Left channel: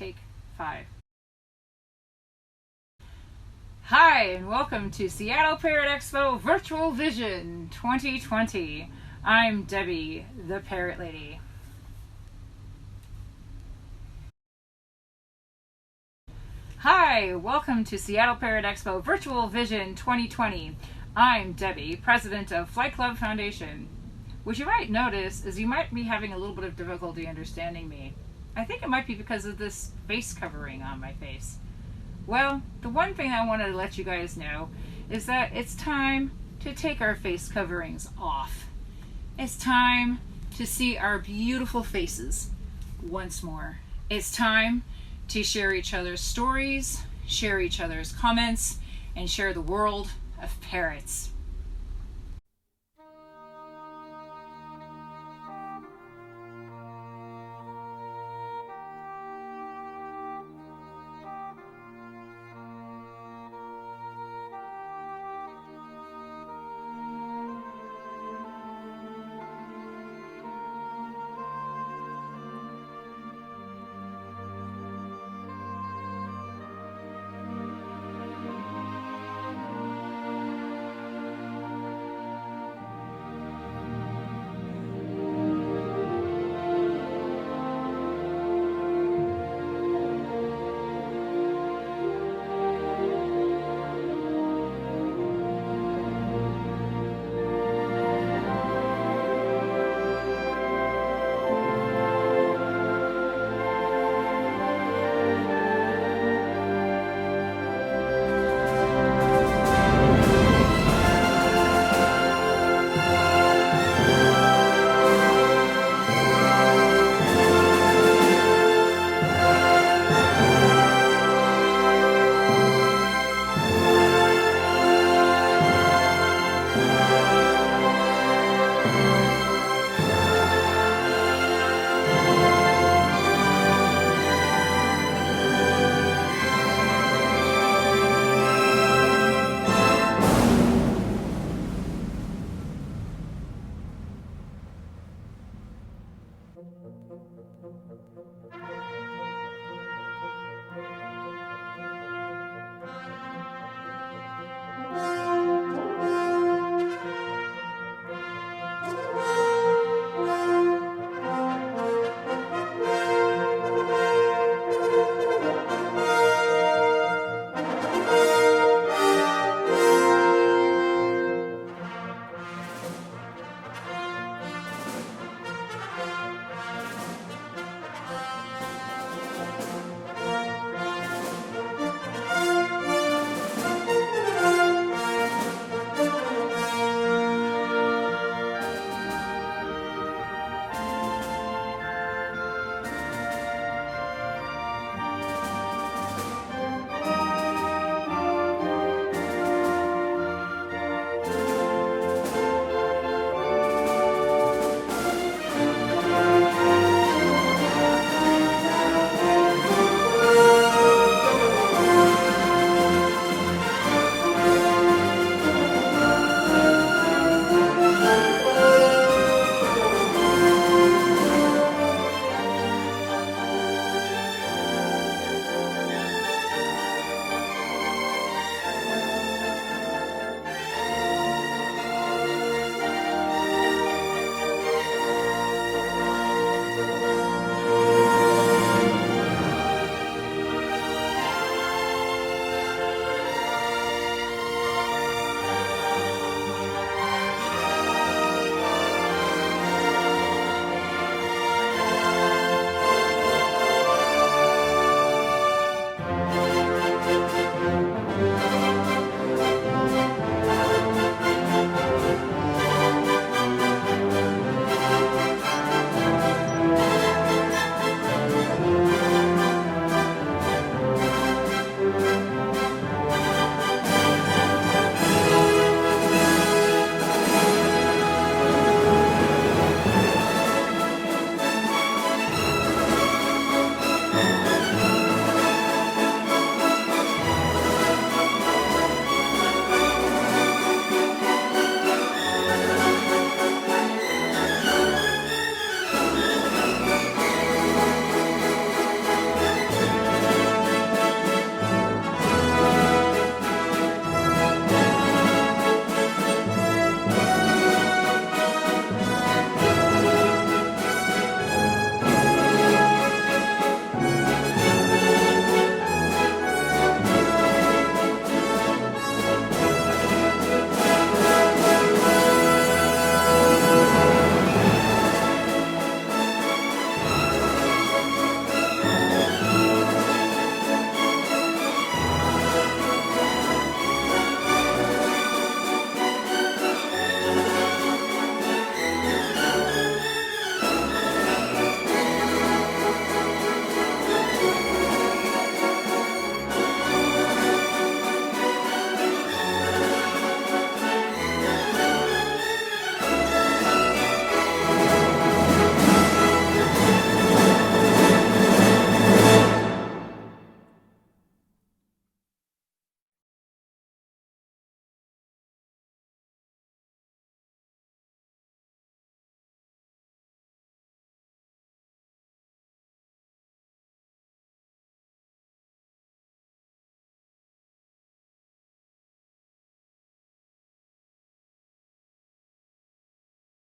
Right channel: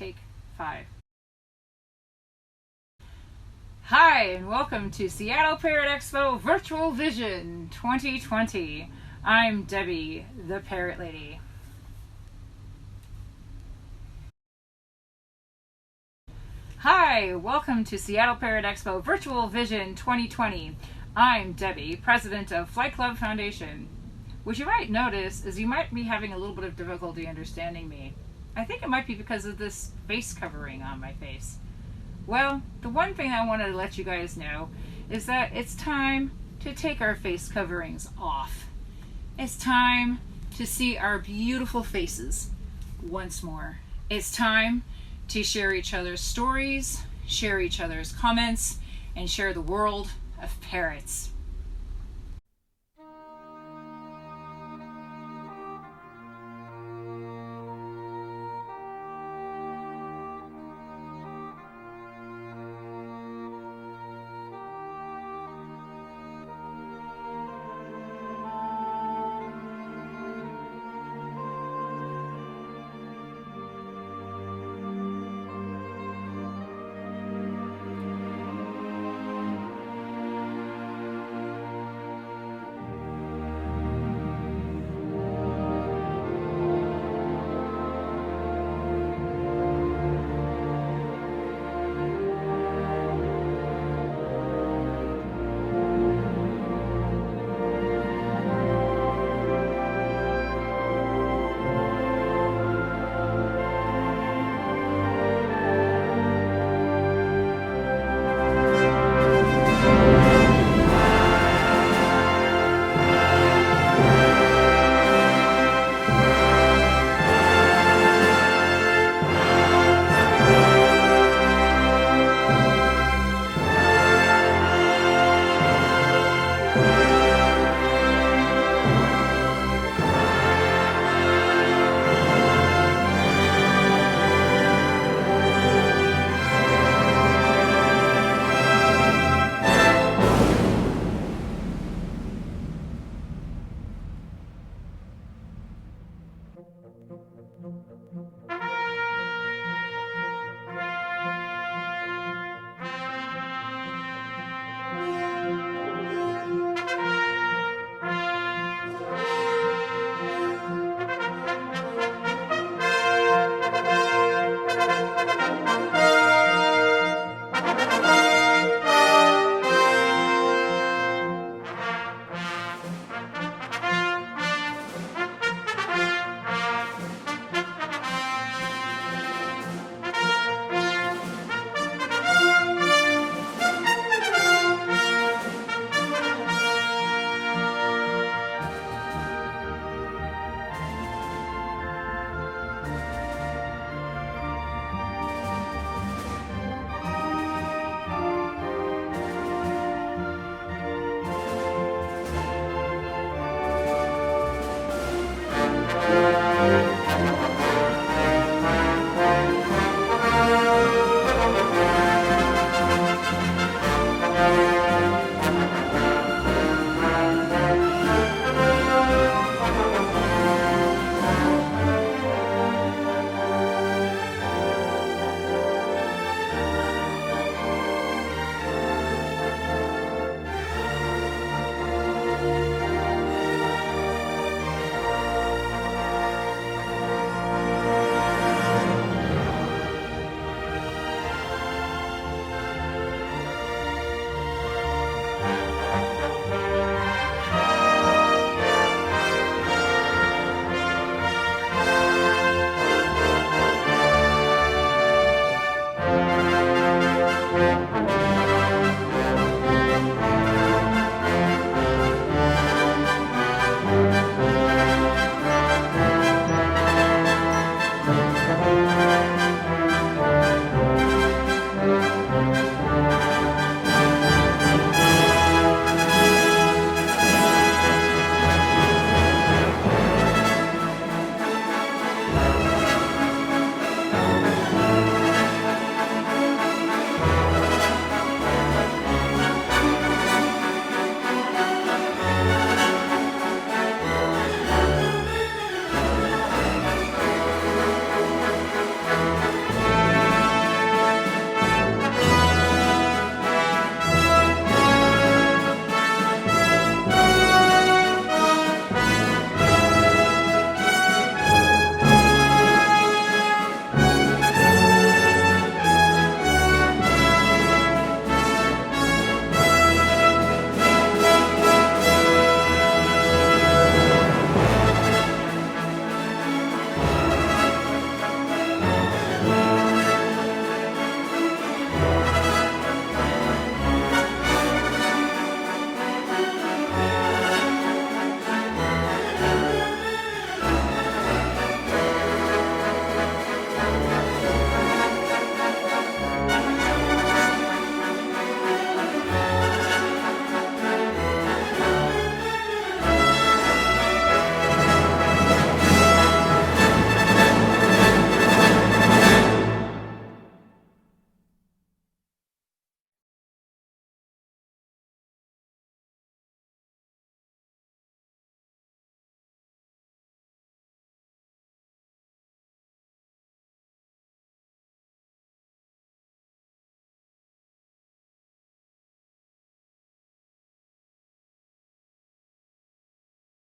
Take 5. Hi, and welcome to Seattle Parrot Expo Virtual Vision 2020. I'm Debbie, the Parrot Lady. Hi, welcome to Seattle Parrot Expo Virtual Vision 2020. I'm Debbie, president of Flight Club Foundation. What you might notice is you might be having a little bit of difficulty understanding me. I think it might be because of this face covering on my face. Well, the one thing I wanted to let you guys know is that it's time to take our face coverings off. It's time to see our beautiful faces once more. It's time to share each other's stories, share each other's comments, and share the world of parrots.